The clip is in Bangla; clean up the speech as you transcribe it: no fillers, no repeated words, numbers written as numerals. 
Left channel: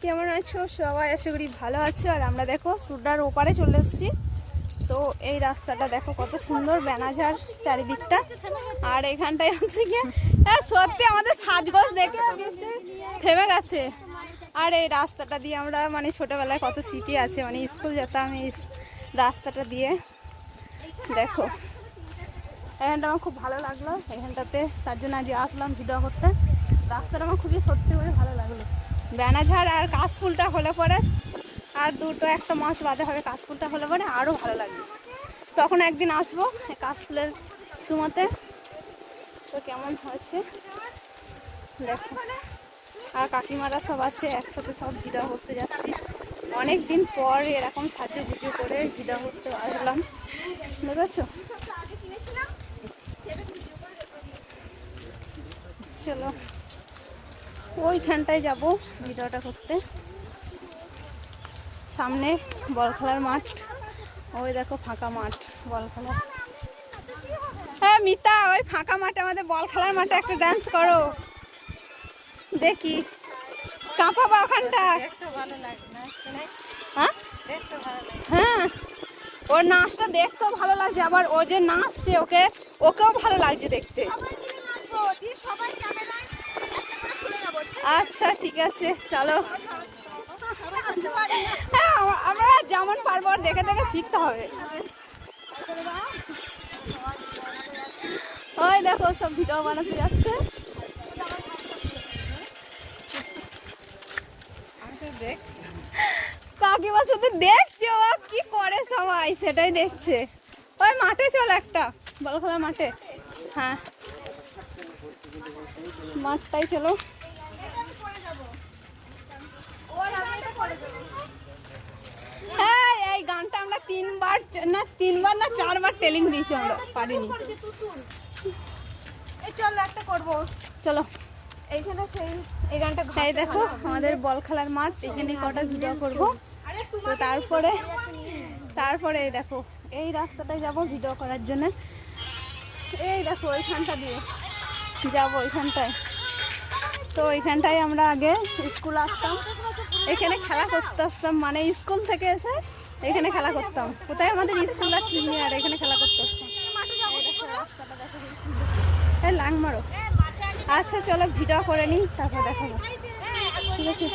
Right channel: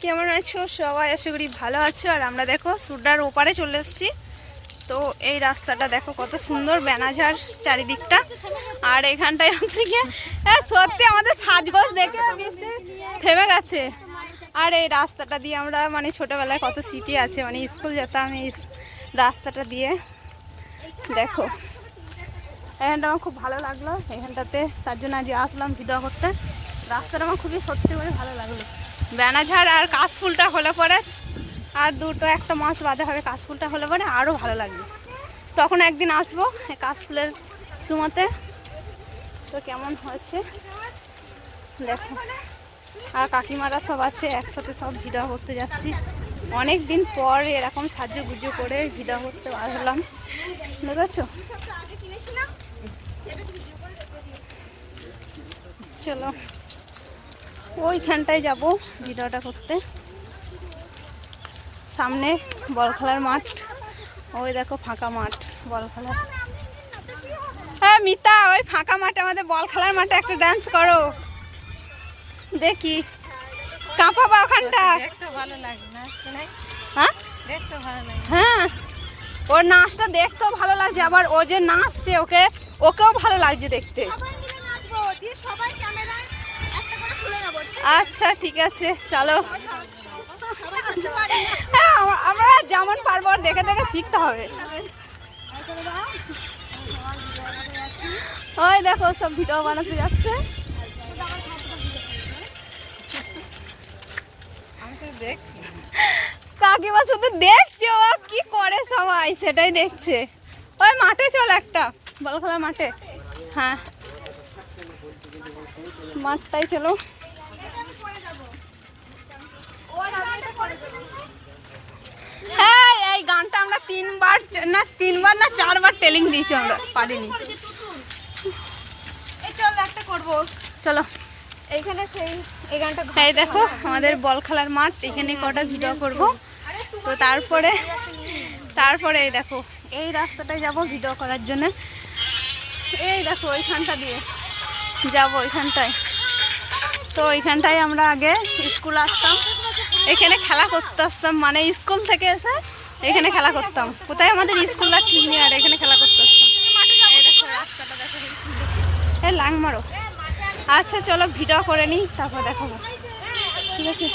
কেমন আছো সবাই? আশা করি ভালো আছো। আর আমরা দেখো সুডার ওপারে চলে এসেছি। তো এই রাস্তাটা দেখো কত সুন্দর, বেনাঝাড় চারিদিকটা। আর এখানটায় হচ্ছে গিয়ে সত্যি আমাদের সাজগোজ দেখে থেমে গেছে। আর এই রাস্তাটা দিয়ে আমরা মানে ছোটবেলায় কত স্মৃতি আছে, মানে স্কুল যেতাম এই রাস্তাটা দিয়ে। দেখো এখানটা আমার খুব ভালো লাগলো এখানটাতে, তার জন্য আজ আসলাম ভিডিও করতে। রাস্তাটা আমার খুবই সত্যি করে ভালো লাগলো। বেনাঝাড় আর কাশফুলটা হলে পরে আর একটা মাস বাদে হবে, কাশফুলটা হলে পরে আরও ভালো লাগবে। তখন একদিন আসবো এই কাশফুলের সময়তে। তো কেমন হয়েছে দেখো। আর কাকিমারা সব আছে একসাথে, সব ভিডিও করতে যাচ্ছি। অনেক দিন পর এরকম সাজুগুজু করে ভিডিও করতে আসলাম, বুঝেছো? চলো ওইখানটায় যাব ভিডিওটা করতে। সামনে বল খেলার মাঠ, ওই দেখো ফাঁকা মাঠ বল খেলার। হ্যাঁ মিতা, ওই ফাঁকা মাঠে আমাদের বল খেলার মাঠে একটা ডান্স করো দেখি। কাঁপাবা ওখানটা? হ্যাঁ হ্যাঁ, ওর নাচটা দেখতেও ভালো লাগছে, আবার ও যে নাচছে ওকেও ভালো লাগছে দেখতে। আচ্ছা ঠিক আছে চলো। হ্যাঁ আমরা যেমন পারবো দেখে দেখে শিখতে হবে। ওই দেখো সব ভিডিও বানাতে যাচ্ছে। কাকিমা শুধু দেখছে ও কি করে, সবাই সেটাই দেখছে। ওই মাঠে চলো একটা বল খেলার মাঠে। হ্যাঁ মাঠটাই চলো। হ্যাঁ এই গানটা আমরা তিনবার না চারবার টেলিং দিয়েছি, আমরা পারিনি। চলো একটা করবো, চলো এইখানে এই গানটা। এই দেখো আমাদের বল খেলার মাঠ, এখানে কটা ভিডিও করব। তো তারপরে এই দেখো এই রাস্তাটায় যাব ভিডিও করার জন্য। এই দেখো ওইখানটা দিয়ে যাব ওইখানটায়। তো ওইখানটায় আমরা আগে স্কুল আসতাম, এখানে খেলা করতে আসতাম, মানে স্কুল থেকে এসে এখানে খেলা করতাম। কোথায় আমাদের স্কুলটা ঠিক নেই, আর এখানে খেলা করতে আসতাম। এই দেখো রাস্তাটা দেখো, লাং মারো। আচ্ছা চলো ভিডিও করে নিই তারপর দেখাবো, ঠিক আছে?